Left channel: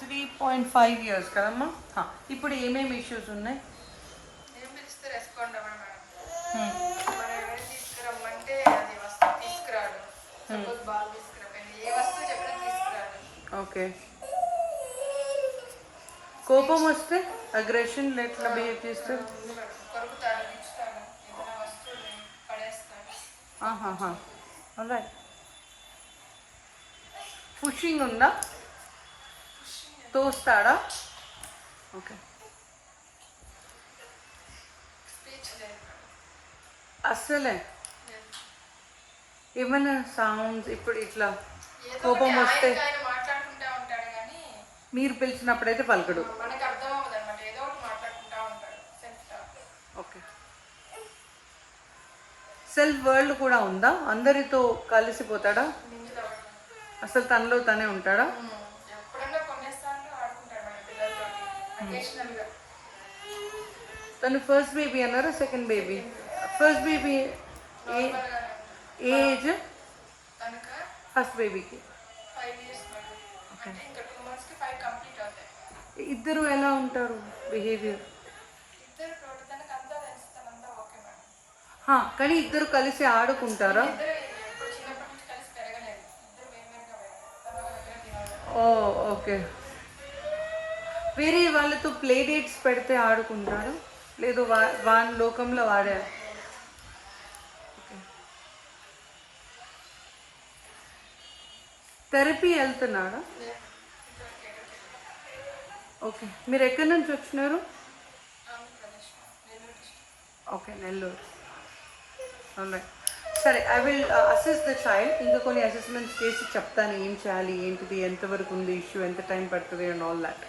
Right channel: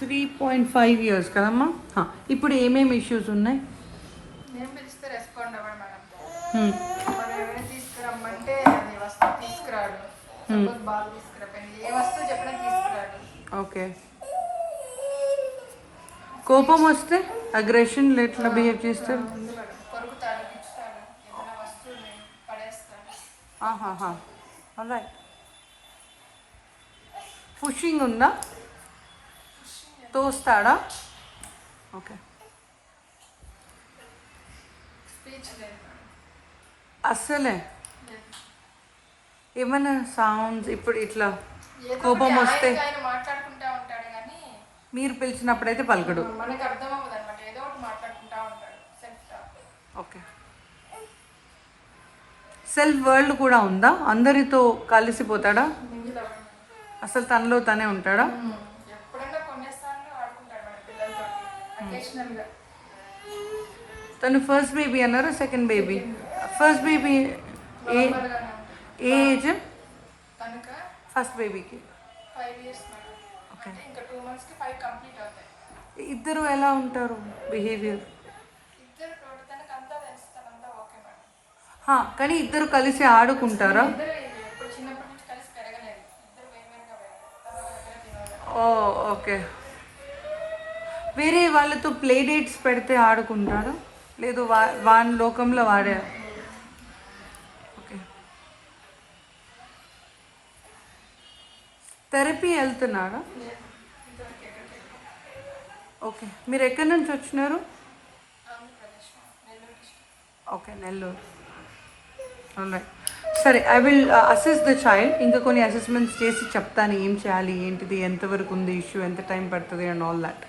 3.5 years కదమ్మా. ఇప్పుడు ఏమేమి ఇష్యూస్ ఉన్నాయి? నేను పిలిస్తే రెస్పాండ్ అవ్వడం మేడం. మనం ఏమైనా తీసుకురమ్మంటే అది వస్తువు తీసుకురాడు. సపోజ్ బాల్ తీసుకురాపోయింది, ఏ వస్తువు చెప్పినా తీసుకురాడు. ఓకే. కోపం వస్తే అగ్రెషన్ ఎట్లా బిహేవ్ చేస్తారు? కొరుకుతాడు, ఇచ్చుతాడు, ఏదైనా వస్తువుని పడేస్తాడు. పుషింగ్ ఉందా? తోస్తాడా? ఓకే. స్పీచ్ లేదు అస్సలే ఏమన్నా సౌండ్స్ ఇప్పుడు ఇట్లా కోపం వస్తే మాట్లాడుకుంటా ఉంటాడు కానీ మీరు పిలిచినప్పుడైతే పలకడు. మనకు అర్థం అవ్వదు అనమాట, ఏదో ఒకటి మాట్లాడుకుంటా ఉంటాడు. ఓకే. సెల్ఫ్ వరల్డ్ కూడా ఉందా? అందరితో కలిసిపోతాడా? అసలు తనలో తనే ఉంటాడా? ఎప్పుడన్నా కొన్నిసార్లు ఆడుకుంటాడు పిల్లలతో అకేషనల్గా. తను ఫస్ట్ బేబీ అన్నారు, second baby. First baby age? తనక ఫస్ట్ బేబీకి 5 years, అంటే ఇంకా 2 monthsకి 5 కంప్లీట్ అవుతాయి. ఇద్దరు ఎలా ఉంటారు బిహేవియర్? ఇద్దరు తోట తనకు అంతా తెలుస్తానంతా ఓకే మేడం. కానీ ఇద్దరు కలిసి ఆడుకుంటారా? ఇద్దరు ఇప్పుడు చిన్నప్పటి నుంచి కలిసి పెరగలేదు, ఇద్దరు వేరువేరుగా. ఓ ఓకే. వేరే వాళ్ళతో ప్లే డేట్స్ పెడితే ఆడుకుంటారా? లేదు వాడి లోకంలో వాడే? థెరపీ వెళ్తున్నాడా? ఓకే. మీరు ఎక్కడి నుంచి వచ్చినారు? ఓకే, నెల్లూరు. సరే, I will assess the child. ఇంకా కొన్ని అసెస్మెంట్స్ చేసి చెప్తాను ఏం చేయాలి, ఏంటిది, ఎంతవరకు ఉంది ఇష్యూ, ఎంత టైం పడుతుంది అండ్ ఆల్ దాట్.